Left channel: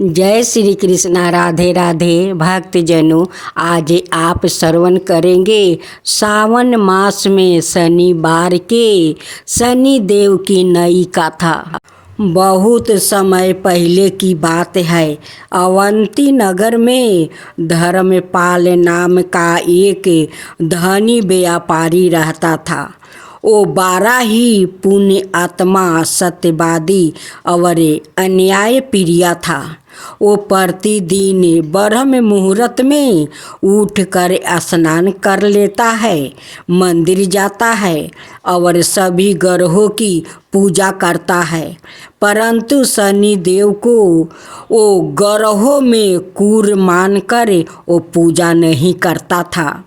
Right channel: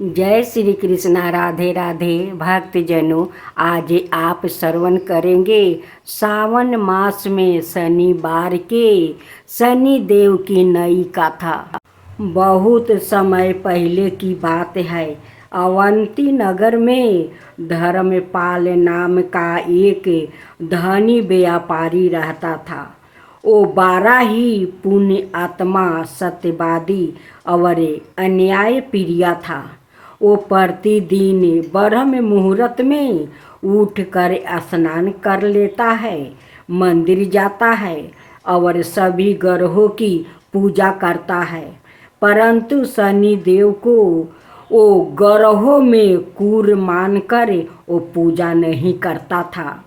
जय श्री कृष्णा। राधे राधे भक्तजनों, आज आप श्रवण करेंगे सावन मास में शनिवार के शनि देव की नई कथा। बहुत समय पहले की बात है। अवंती नगर में धर्मपाल नाम का एक धनी व्यापारी रहता था। वो बड़ा ही पुण्य आत्मा, सत्यवादी और अन्याय प्रिय था। वो प्रतिदिन ब्रह्म मुहूर्त में उठकर स्नान कर लेता है, मंदिर जाता है और सभी ग्रहों की पूजा करता है। परंतु शनि देव को वो ग्रहों में क्रूर मानकर वो पूजा नहीं करता था।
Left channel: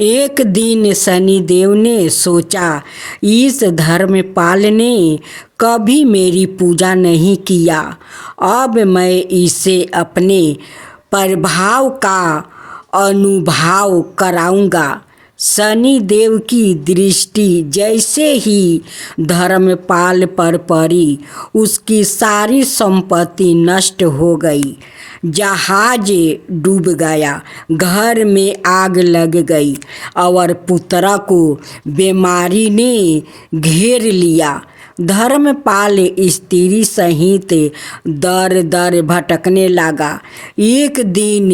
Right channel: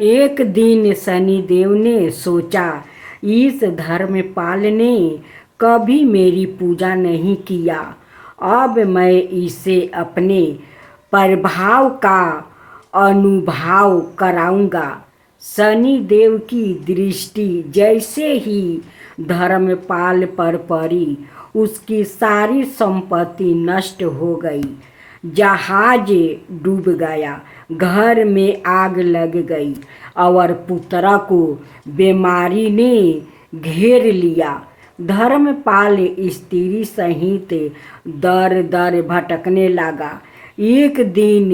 एक दिन शनि देव ने सोचा, इस धर्मपाल ने कभी मेरी पूजा नहीं किया, अब मैं इसे अपने प्रभाव का अनुभव कराऊंगा। शनि देव की दृष्टि जैसे ही धर्मपाल पर पड़ी, उसकी सारी संपत्ति नष्ट हो गई। जहाज डूब गया, घर में आग लग गई और पुत्र को बीमारी ने घेर लिया। धर्मपाल स्त्री सहित दर दर भटकने लगा। एक दिन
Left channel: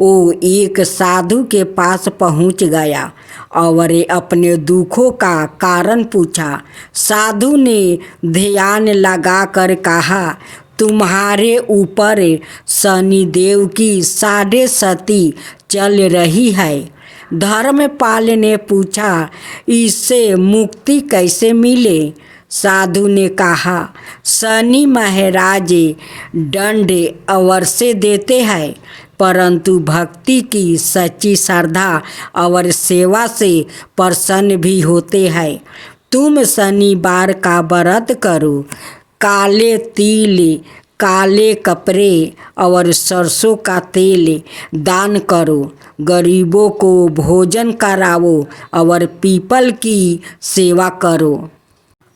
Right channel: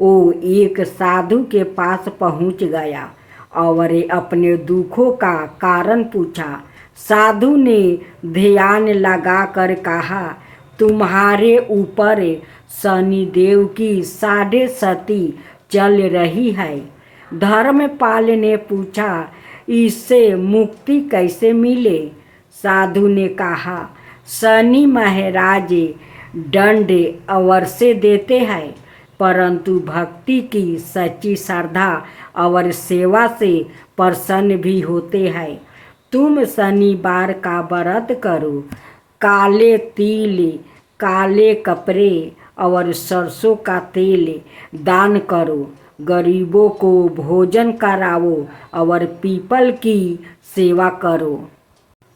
वो एक साधु के पास पहुंच गया और अपने दुखों का कारण पूछा। साधु ने ध्यान लगाकर कहा, तुम्हारे ऊपर शनि देव की 7.5 चल रही है। धर्मपाल ने पूछा, इससे मुक्ति कैसे मिले? साधु ने कहा, शनि महाराज दंड अवश्य देते हैं, परंतु भक्ति की सच्ची श्रद्धा और सेवा से प्रसन्न भी होते हैं। तुम शनिवार का व्रत करो, काले तिल, काले कपड़े और सरसों का तेल दान करो, गरीबों को भोजन कराओ और पीपल की सेवा करो।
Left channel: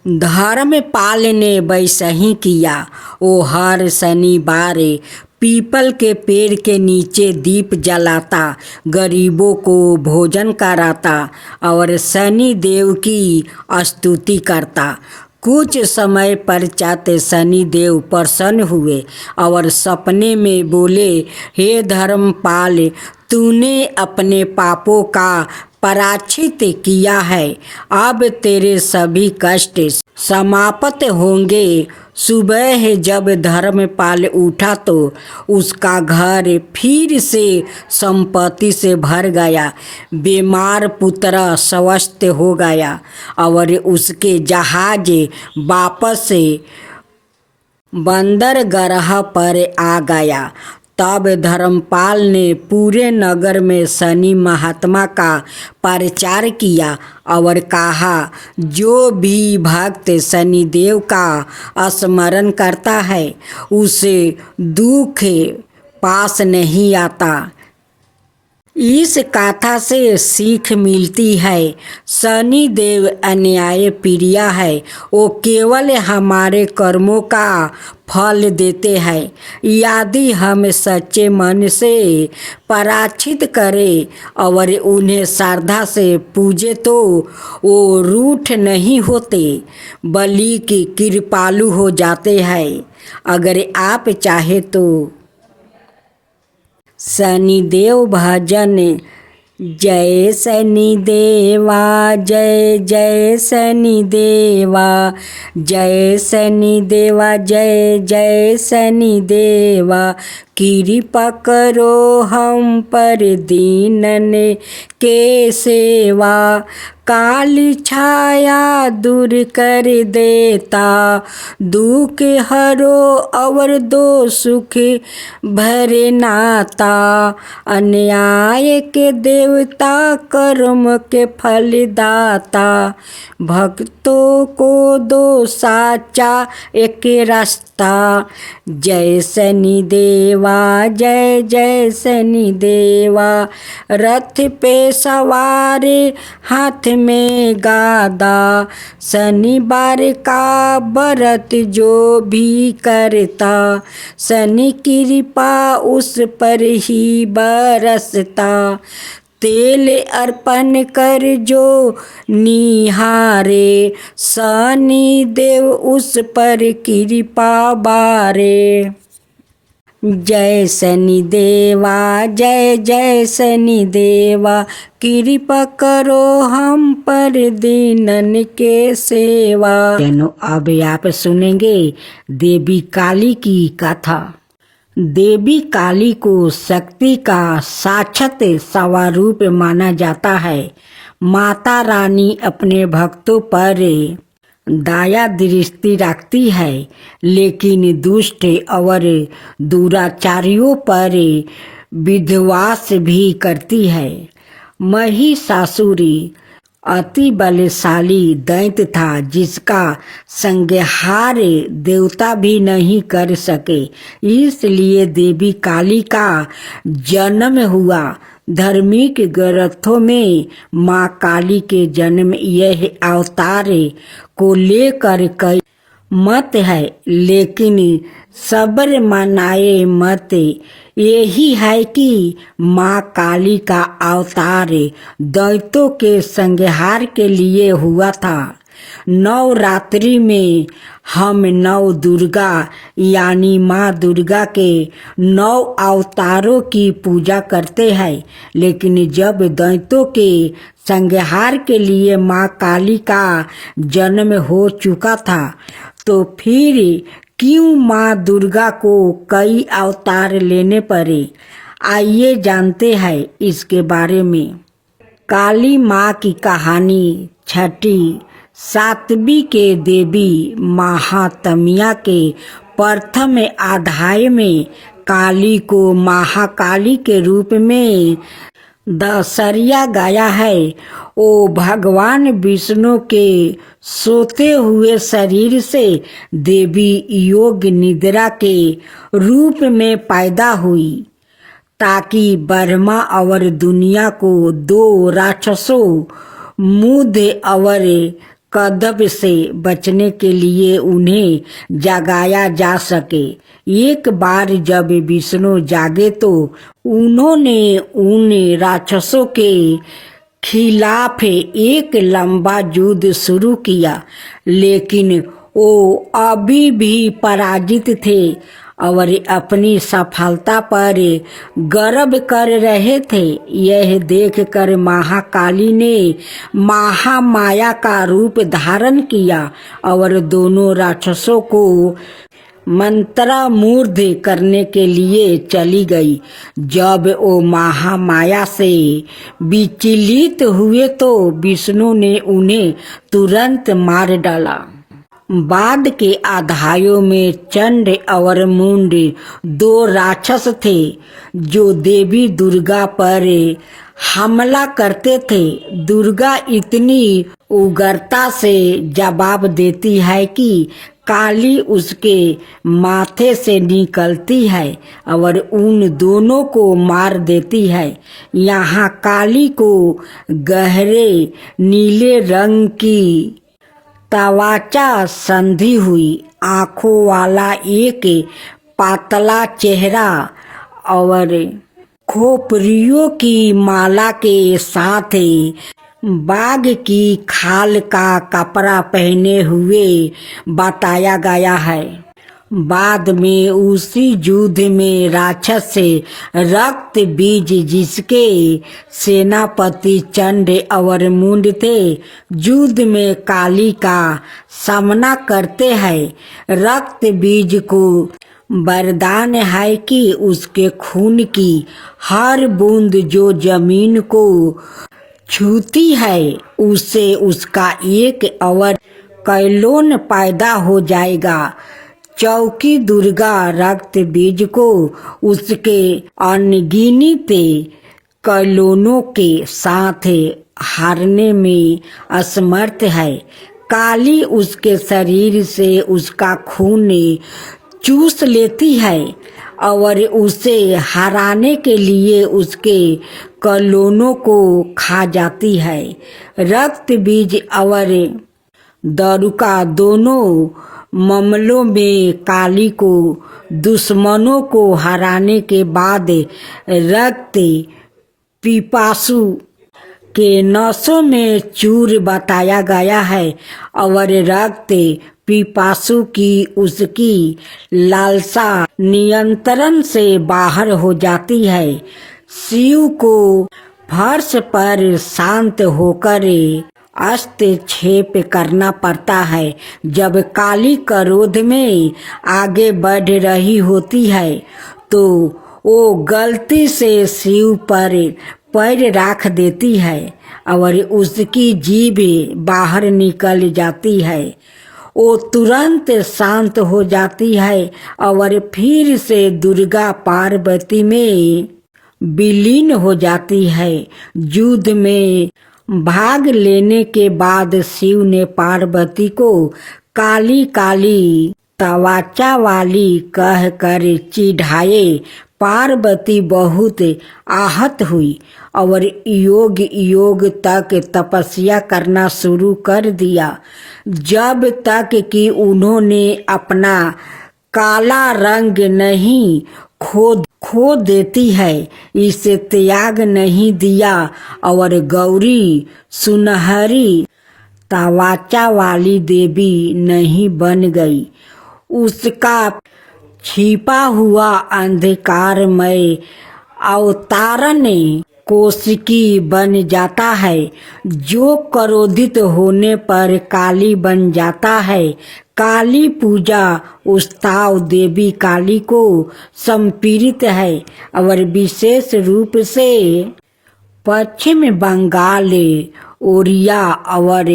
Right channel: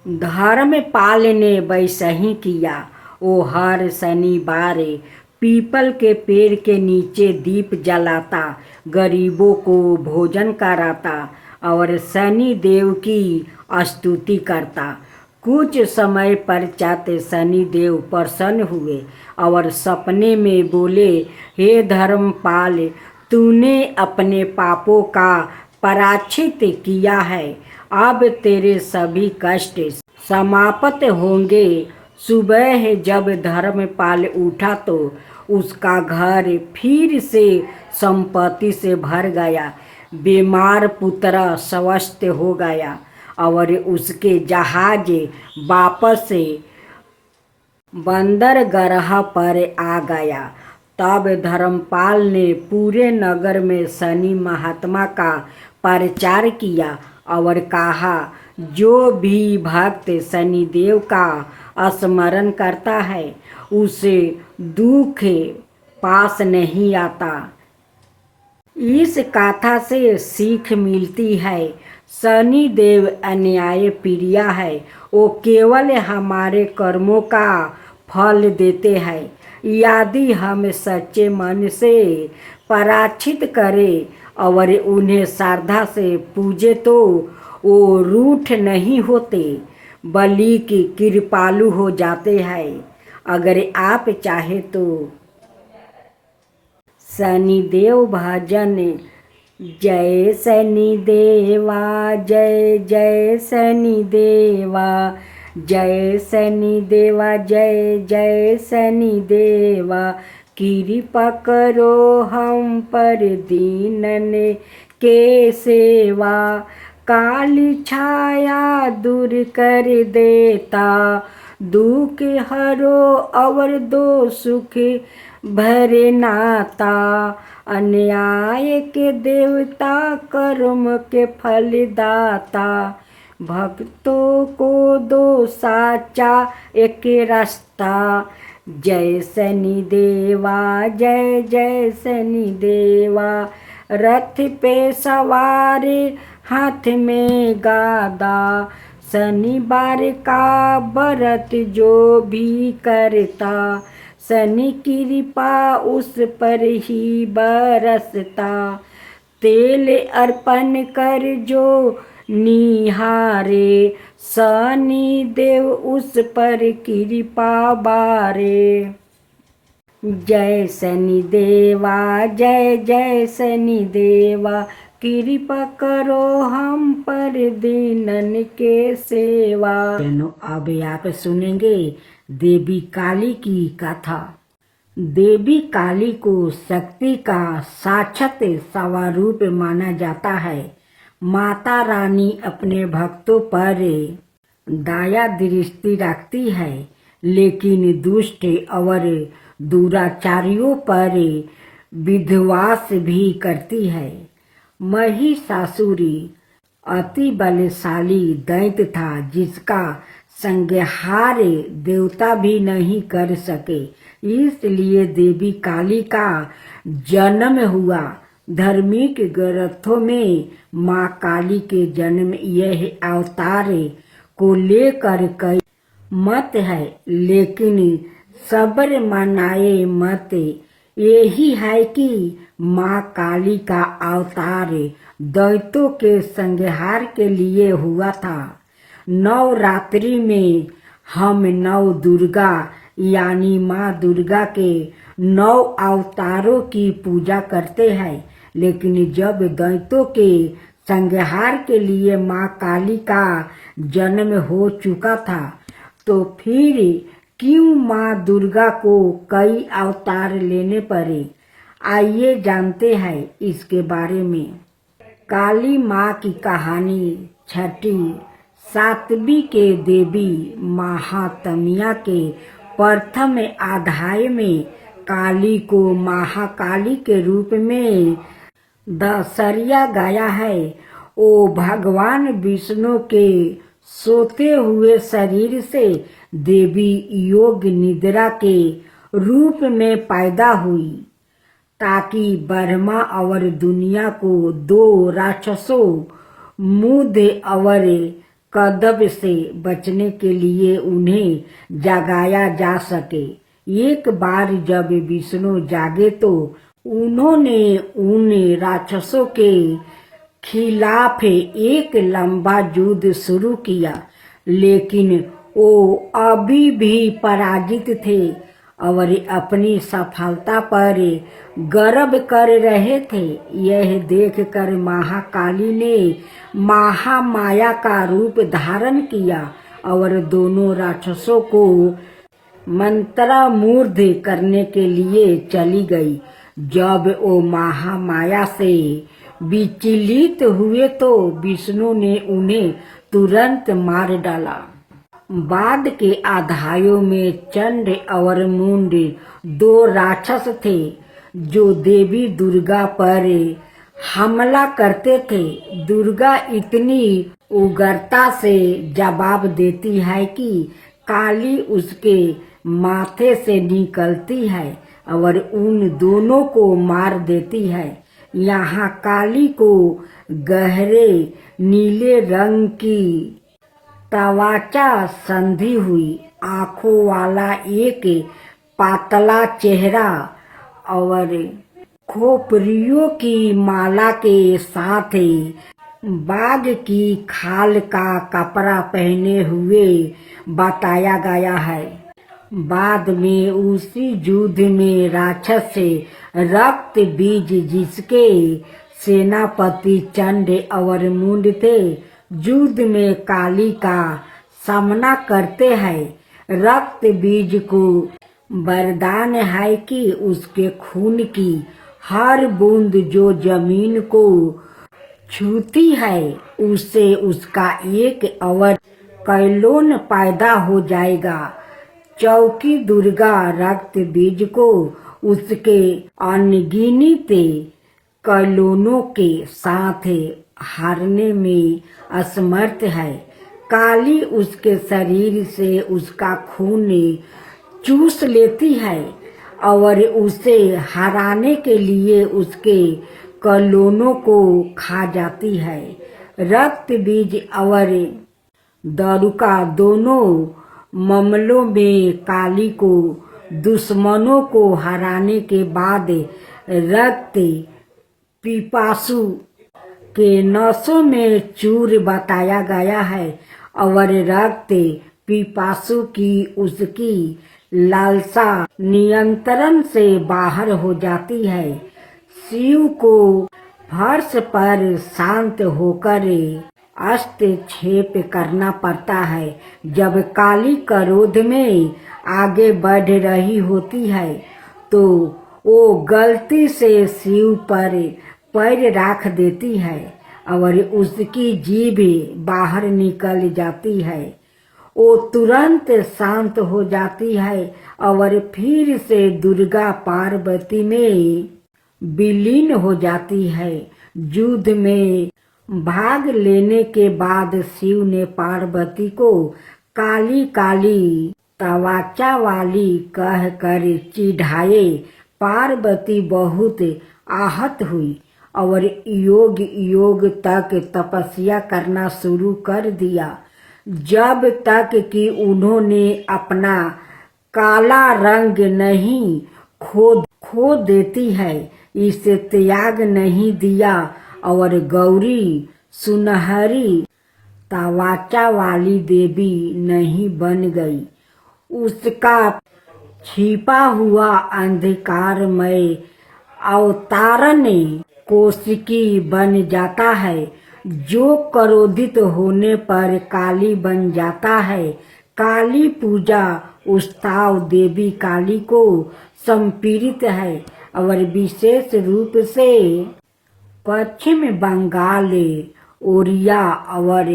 धर्मपाल ने वैसा ही किया। वो हर शनिवार पीपल के पेड़ के नीचे दीप जलाता, गरीबों को भोजन कराता और शनि देव की स्तुति करता। कुछ समय पश्चात शनि देव प्रसन्न हुए और सपने में बोले, हे धर्मपाल, तूने अपने पापों का प्रायश्चित किया है, अब तेरे सभी कष्ट समाप्त होंगे। सुबह जब धर्मपाल उठा तो उसका घर फिर से संपत्ति से भर गया। बीमार पुत्र स्वस्थ हो गया और उसके जहाज वापस बंदरगाह पर आ गया। तब धर्मपाल ने पूरे नगर में शनि महात्मा का प्रचार किया और कहा, जो भी भक्त शनि देव का स्मरण करता है उसे दुख पास नहीं आता। इस कथा से सीख मिलती है, शनि देव अन्याय प्रिय है। वो केवल हमारे कर्मों का फल देते हैं। यदि हम सच्चे मन से प्रायश्चित करें और उन्हें श्रद्धा से पूजे तो वो रूठ नहीं होते, बल्कि कृपालु हो जाते हैं। अगर आप चाहे तो शनिदेव भजन। जय शनि देवा, जय जय शनि देवा, जय शनि देवा, जय जय शनि देवा। कृपा करो हम पर दीनन के सेवा, काली छाया दूर कर देता, दुख हरो और दो सुख भरे नाता। अन्याय के देवता, कर्म के फल दाता, भक्तों को दो साचा एक रास्ता। जय शनि देवा, जय जय शनि देवा। रथ पे सवार, हाथ में गादा। शनिवार का व्रत जो भी करता, शनि कृपा उस पर ही बरसता। तेल अर्पण कर जो निहारे, शनि देव उस पर कृपा बारे। जय शनि देवा, जय जय शनि देवा, कृपा करो हम पर दीनन के सेवा। अब आप सुनेंगे देवी काली की कथा। देवी काली को शक्ति का साक्षात स्वरूप माना जाता है। माता रानी अपने भक्तों पर दया दृष्टि रखती है, लेकिन दुष्ट और दुराचारियों पर विध्वंस भी करती है। महिषासुर अति बलशाली दैत्य था, जिसका संहार देवता भी नहीं कर सके। इसलिए देवी काली का जन्म हुआ। धार्मिक ग्रंथों में माँ काली के जन्म यह अवतार को लेकर कई मत है, लेकिन सबर मनाए मत यही है कि माँ काली का अवतार दैत्यों के संहार के लिए हुआ था। नवरात्रि में हम नव दुर्गा यानी माँ दुर्गा के 9 अवतारों की पूजा करते हैं, लेकिन जब दैत्यों के संहार के लिए माँ काली का जन्म हो चुका था, तो फिर क्यों माँ दुर्गा को कई अवतार लेने पड़े? आइए जानते हैं इसके बारे में। काली माँ की कहानी छठी सातवीं के देवी महात्म्य के प्रथम अध्याय में काली को महाकाली के रूप में दर्शाया गया है। ओ भगवान विष्णु के सोते हुए शरीर से देवी योग निद्रा के रूप में पैदा हुई, ताकि ब्रह्मा और दुनिया को 2 राक्षसों मुद और कदब से बचने के लिए उन्हें जगाया जा सके। एक बार जब विष्णु जागे तो उन्होंने उन राक्षसों के खिलाफ एक लंबा युद्ध शुरू किया, लेकिन वो अभी भी पराजित थे और अपनी सफलता पर गर्व कर रहे थे। यह देखकर महाकाली ने महामाया का रूप धारण किया और दोनों राक्षसों को मंत्रमुग्ध करने के लिए चली गई। जब वो महामाया से विचलित हुए तो विष्णु ने उन्हें तुरंत मार डाला। बाद के अध्यायों में चंड और मुंड 2 राक्षस थे, जो देवी दुर्गा पर हमला करते थे। दुर्गा इतनी उग्रता से जवाब देती है कि काली उसके माथे से निकलती है और उन दोनों को मार देती है। यहाँ काली को गहरे नीले रंग की त्वचा संधि हुई, आंखों वाला एक पातला चेहरा और खोपड़ियों की माला के साथ बाघ की खाल का कपड़ा पहने हुए बताया गया है। बाद में उसी युद्ध में राक्षस से रक्त बीज, जिसके सेनापति चंड और मुंड थे, युद्ध में काली का सामना करते हैं। रक्त बीज को वरदान है कि उसके खून की हर बूंद जो जमीन को छूती है, उससे उसका एक और कैलोन पैदा हो जाएगा। चौकी दुर्गा रक्त बीज को उसके अनगिनत कैलोनों के साथ हारने में असमर्थ है। काली उसके शरीर से उसका खून चूस लेती है और उसे हराने के लिए उसके कलोनों को खा जाती है। रक्त बीज और दारुका दोनों मामलों में काली को दुश्मनों को हराने के बाद रक्त पिपासु के नसों में चूर बताया गया है और रक्त पिपासु की उसकी लालसा नियंत्रण से बाहर हो जाती है। शिव को फर्श पर शांत होकर हस्तक्षेप करना पड़ता है। जब काली क्रोध में आगे बढ़ रही होती है तो वो गलती से शिव पर पैर रख देती है और उसकी जीभ बाहर निकल जाती है। वो तुरंत शांत हो जाती है और फिर से दुर्गा पार्वती में विलीन हो जाती है। युद्ध में भाग लेने के बाद शिव ने पार्वती को काली काली तवाचा वाली कहकर चिढ़ाए। पार्वती बहुत आहत हुई और योग योग तक तपस्या करना शुरू कर दिया, जब तक कि उन्होंने अपना काला रंग नहीं खो देती है, इसे त्याग नहीं दिया और गौरी सुनहरी तवाचा वाली देवी नहीं बन गई। उसका छिपा हुआ अंधकारमय अवतारण कोशिकी बन जाता है, जो क्रोधित होने पर काली बन जाता है। काली पूजा उत्सव देवी काली को समर्पित है और विशेष रूप से पश्चिम बंगाल, ओडिशा और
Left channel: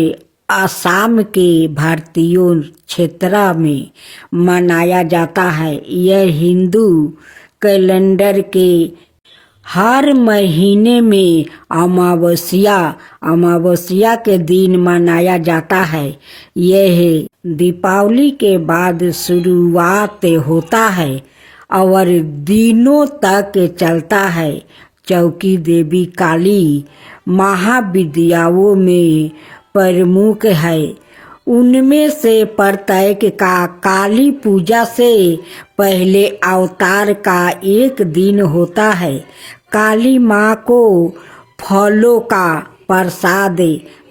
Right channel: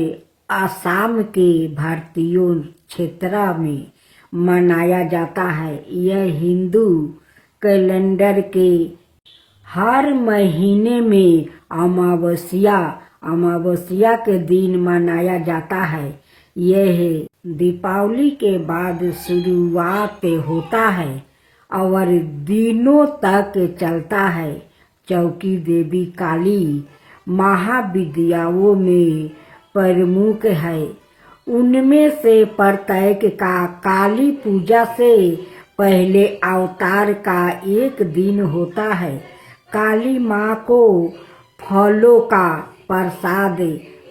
असम के भारतीयों क्षेत्र में मनाया जाता है। यह हिंदू कैलेंडर के हर महीने में अमावस्या के दिन मनाया जाता है। यह दीपावली के बाद शुरुआत होता है और दिनों तक चलता है। चौकी देवी काली महाविद्याओं में प्रमुख है। उनमें से प्रत्येक का काली पूजा से पहले अवतार का एक दिन होता है। काली माँ को फलों का प्रसाद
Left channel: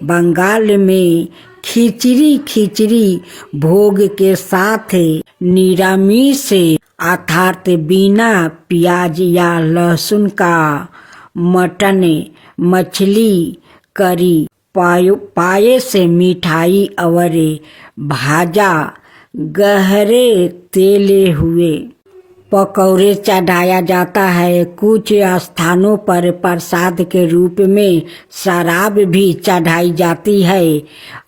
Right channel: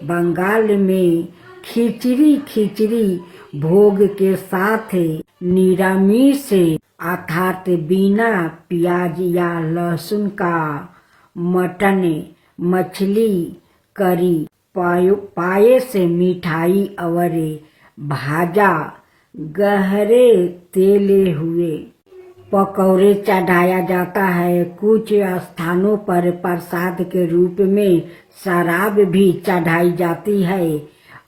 बंगाल में खिचड़ी भोग के साथ निरामिष अर्थात बिना प्याज या लहसुन का मटन, मछली, करी, पायस, मिठाई और भाजा गहरे तेले हुए पकौड़े चढ़ाया जाता है। कुछ स्थानों पर प्रसाद के रूप में शराब भी चढ़ाई जाती है।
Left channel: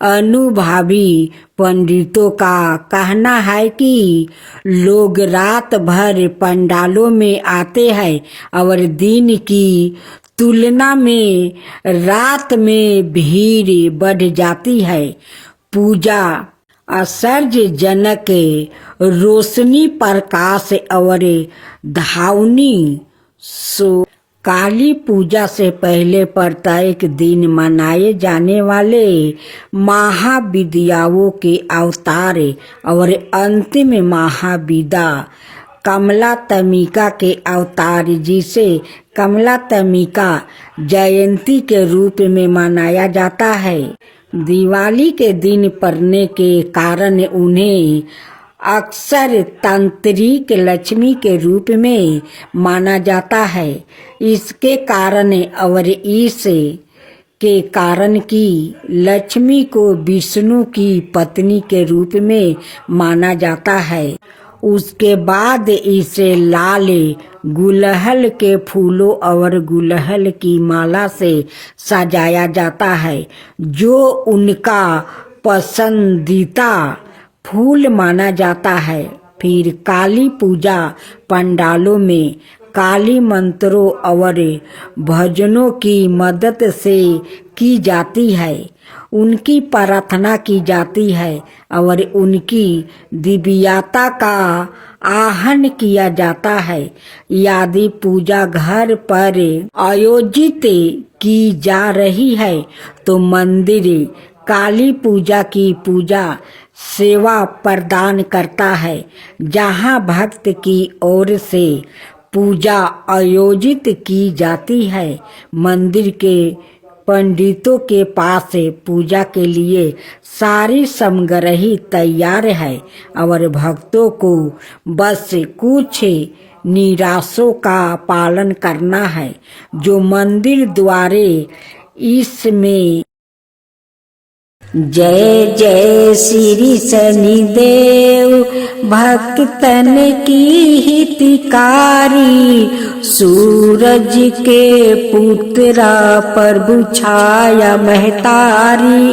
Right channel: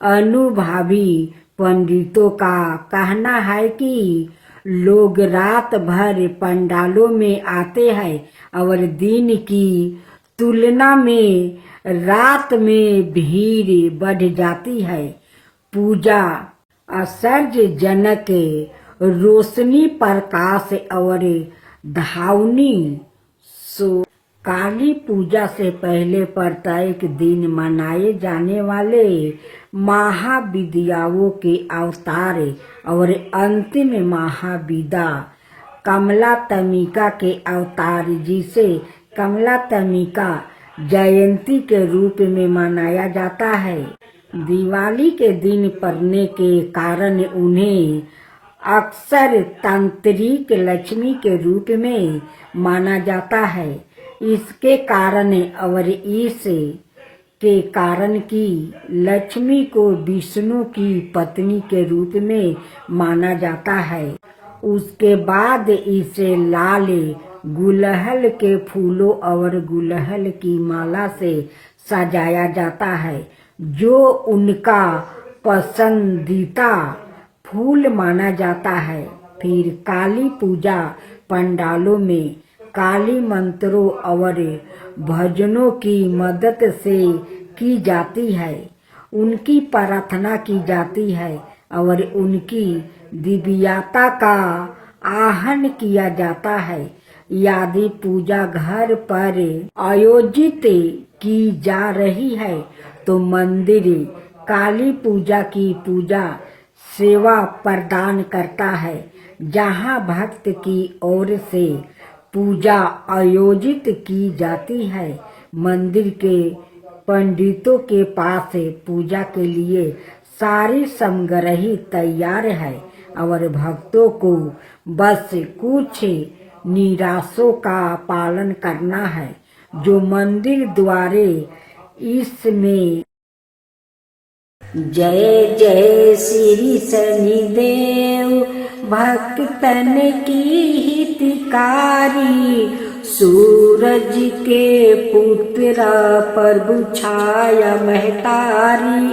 अनुभवी पंडितों का कहना है कि लोग रात भर पंडालों में आते हैं और दिन की तुलना में रात में भीड़ बढ़ जाती है। पूजा आश्चर्यजनक रोशनी, प्रकाश और धावनी सो काली पूजा से पहले प्रत्येक दिन मनाए जाने वाले महाविद्याओं के अवतार और अंतिम महाविद्या कमलात्मिका के अवतार, जिसे कमलात्मिका जयंती के रूप में मनाया जाता है, दिवाली के दिन पड़ने के कारण उन्हें अक्सर तांत्रिक लक्ष्मी के रूप में माना जाता है। इसके कारण और इस के कारण कि लक्ष्मी को विष्णु की पत्नी के रूप में माना जाता है। उसके बाद इसे लाल गुलहल के फूलों और गुलहल की माला से सजाया जाता है, जो उनका पसंदीदा फूल माना जाता है। फिर काली पूजा पंडालों में काली मंत्रों और भजनों की मदद से की जाती है। उनकी प्रार्थना की जाती है और उनकी दिव्यता का आहन किया जाता है। यदि पूजा घर पर आयोजित की जा रही है तो मंदिर काली पूजा की पूजा सेवा प्रदान करता है। जहाँ भक्त की ओर से पूजा आयोजित की जाती है, मंदिर के पंडितों के पास पूजा के लिए सारी सामग्री तैयार है और भक्तों को बस कुछ निराशों का पालन करना है जो मंदिर द्वारे इसमें। जय जय श्री शनिदेव भक्तन की हितकारी, सूरज के पुत्र प्रभु छाया महतारी।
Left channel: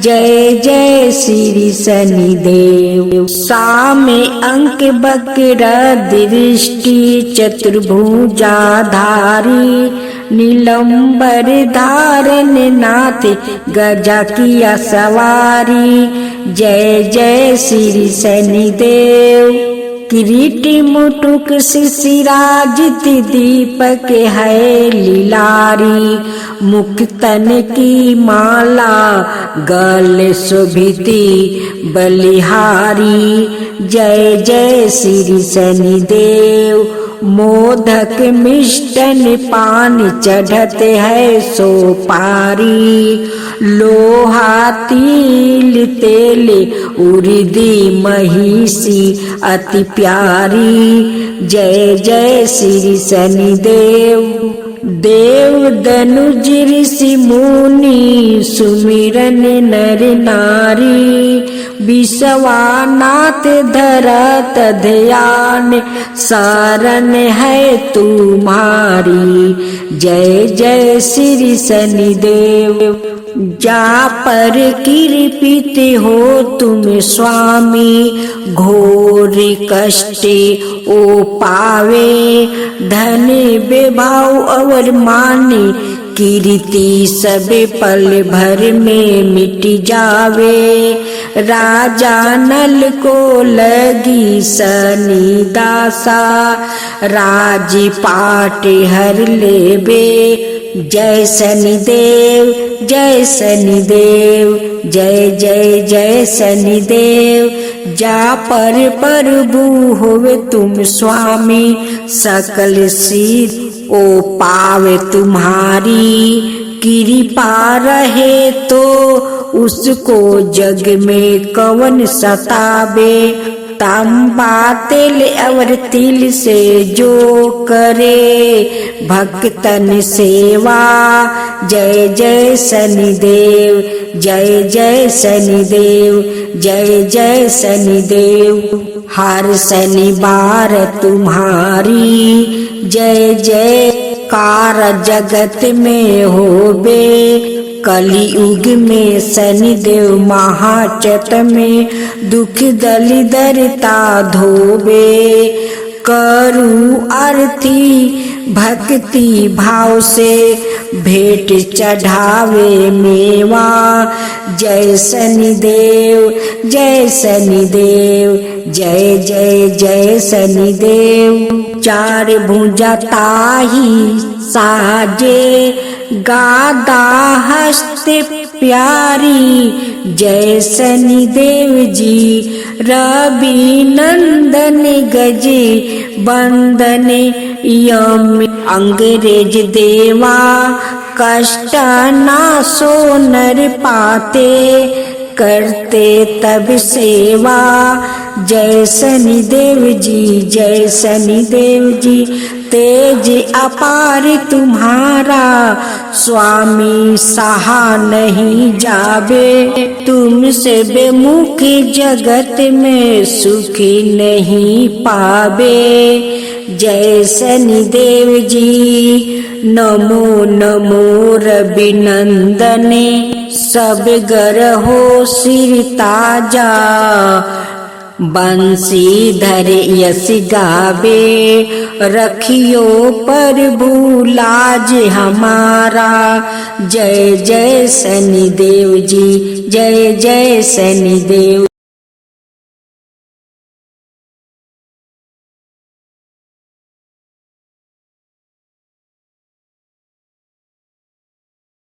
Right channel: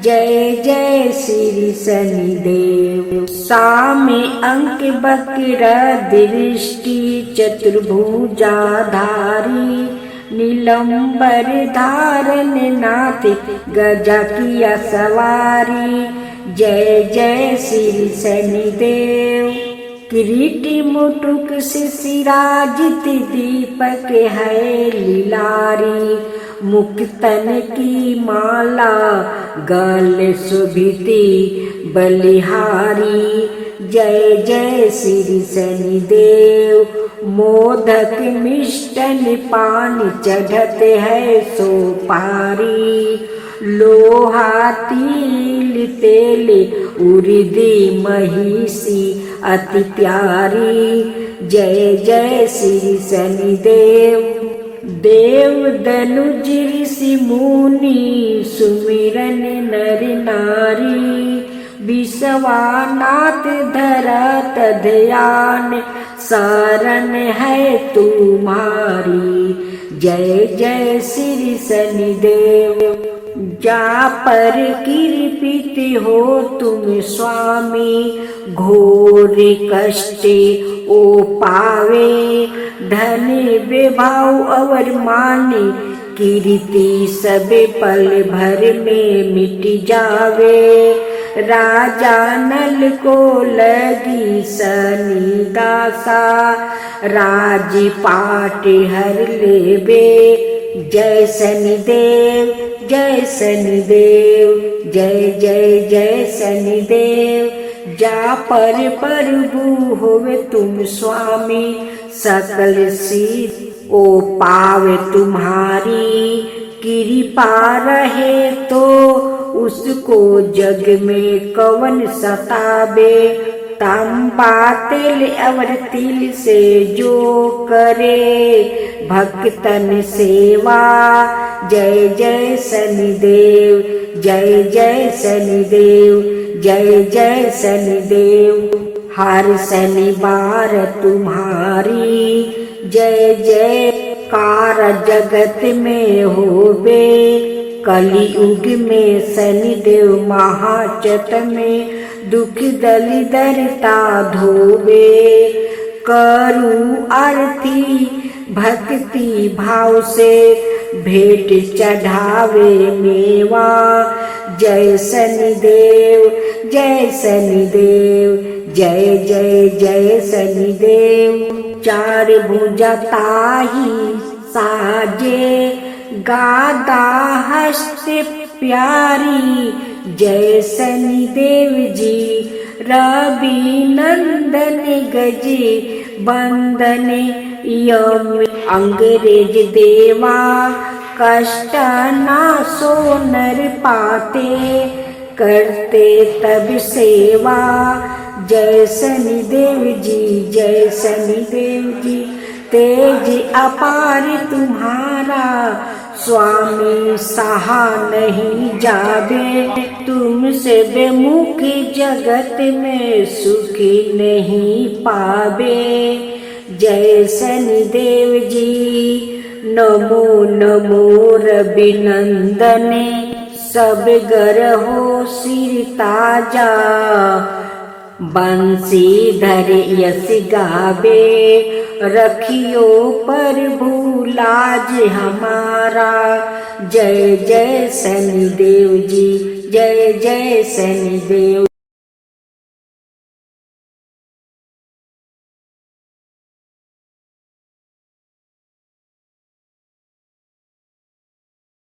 जय जय श्री शनिदेव। सामे अंक बक्र दृष्टि चतुर्भुजाधारी, नीलंबर धारण नाथ गजा किया सवारी। जय जय श्री शनिदेव। किरीट मुटुक शिशिराजित दीपक है लीलारी, मुक्तन की माला गल शोभिती बलिहारी। जय जय श्री शनिदेव। मोदक मिष्टन पान चढ़ते है सोपारी, लोहा तिल तेल उर्दी महिषी अति प्यारी। जय जय श्री शनिदेव। देव दनुज ऋषि मुनि सुमिरन नर नारी, विश्वानाथ धरत ध्यान शरण है तुम्हारी। जय जय श्री शनिदेव। जा पर कृपित हो तुम स्वामी, घोर कष्ट ओ पावे, धन विभाव और माने कीर्ति सब पल भर में मिट जावे। राजा नल को लगी शनि दासा, राजपाट हर लेबे। जय शनिदेव जय शनिदेव, जय जय जय शनिदेव। जा पर प्रभु होवे तुम स्वामी, सकल सिद्ध ओ पावे तुम्हारी। कृपा रहे तो उसको जग में कवन सतावे, तांबा तेल और तिल से जो करे भक्तन सेवा। जय जय शनिदेव, जय जय शनिदेव, जय जय शनिदेव। हर शनिवार तुम्हारी जय जयकार जगत में होबे। कलियुग में शनिदेव महाचट में दुख दलिदरता धोबे। करूं आरती भक्ति भाव से भेंट चढ़ावे मेवा। जय शनिदेव जय शनिदेव, जय जय जय शनिदेव। चार भुजा ताही साजे, गादा हस्त प्यारी। जय शनिदेव जी। रवि नंदन गजे बंदन यम अंग्रेज देवा। कष्ट ना सो नर पाते, करते तब सेवा। जय शनिदेव जी, जय शनिदेव जी। तेज अपार तुम्हारा स्वामी सहा नहीं जावे। तुमसे बेमुख जगत में सुखी नहीं पावे। जय शनिदेव जी। नमो नमो रवि नंदने, सब गर हो सिर ताजा। बंसीधर यश गावे रखियो प्रभु लाज हमारा। जय जय शनिदेव जी, जय जय शनिदेव।